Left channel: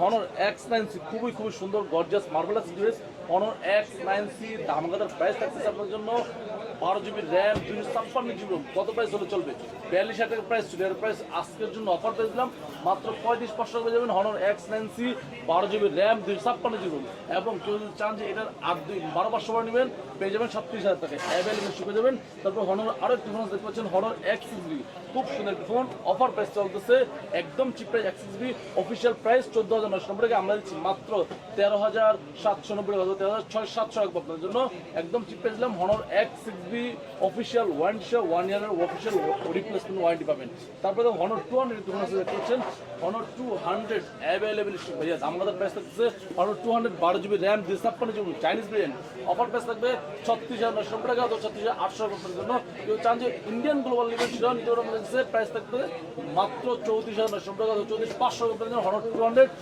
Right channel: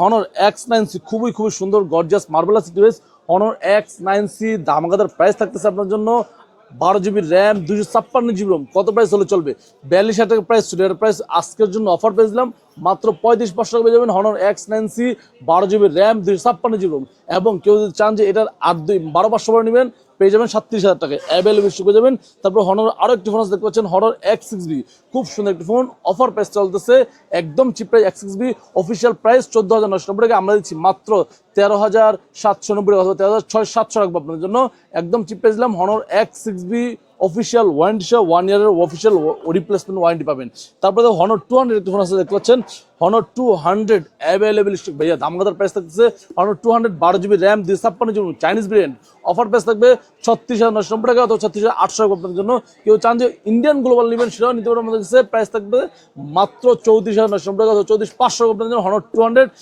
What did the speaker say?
Honor X9C খুবই সুন্দর gorgeous marvelous device. Honor X9C ধামাকাদার প্রাইস থাকতেছে আপনার জন্য 12 GB র্যাম 256 GB রোম। কত প্রাইস হলে চলবে? 42,000 টাকা প্রাইস ছিল, এর প্রাইস আজকের জন্য অফার পেয়ে দিলাম মাত্র 35,500 টাকা পেয়ে যাবেন Honor X9C 12 GB RAM 256 GB ROM. এবং কেউ যদি চান যে এটার 12,500 করে নেবেন পেয়ে যাবেন 37,000 টাকায় অ্যাভেলেবল পেয়ে যাবেন। তারপর হনর আরও একটি ফোন আছে দেখতে পাচ্ছেন হনর X6B, খুব সুন্দর একটি ফোন, অফার প্রাইস চলতেছে একদম chip price. X6B official price 14,990 টাকা, আমরা দিচ্ছি মাত্র 13,790 টাকা অথবা 13,700 রাখবো আপনাদের জন্য, একদম চিপ প্রাইস দিলাম। হনর X6B অফিসিয়াল ওয়ারেন্টি সহ 1 ইয়ারের অফিসিয়াল রিপ্লেসমেন্ট ওয়ারেন্টি পাবেন। তারপরে হনর 200 একটি ফোন আছে দেখতে পাচ্ছেন হনর 200 অ্যাভেলেবল স্টক ভাইয়া, দামগাদার প্রাইস থাকতেছে Honor 200 12 GB RAM 256 GB Chinese brand, offer price থাকবে 36,990 টাকা অথবা 36,800 টাকা আপনাদের জন্য। কেউ চান যে ইন্ডিয়ান গ্লোবাল নেবেন সেটাও নিতে পারেন, আমাদের কাছে প্রাইস থাকবে মাত্র 34,990 টাকা অথবা 34,500 টাকা আপনাদের জন্য হনর 200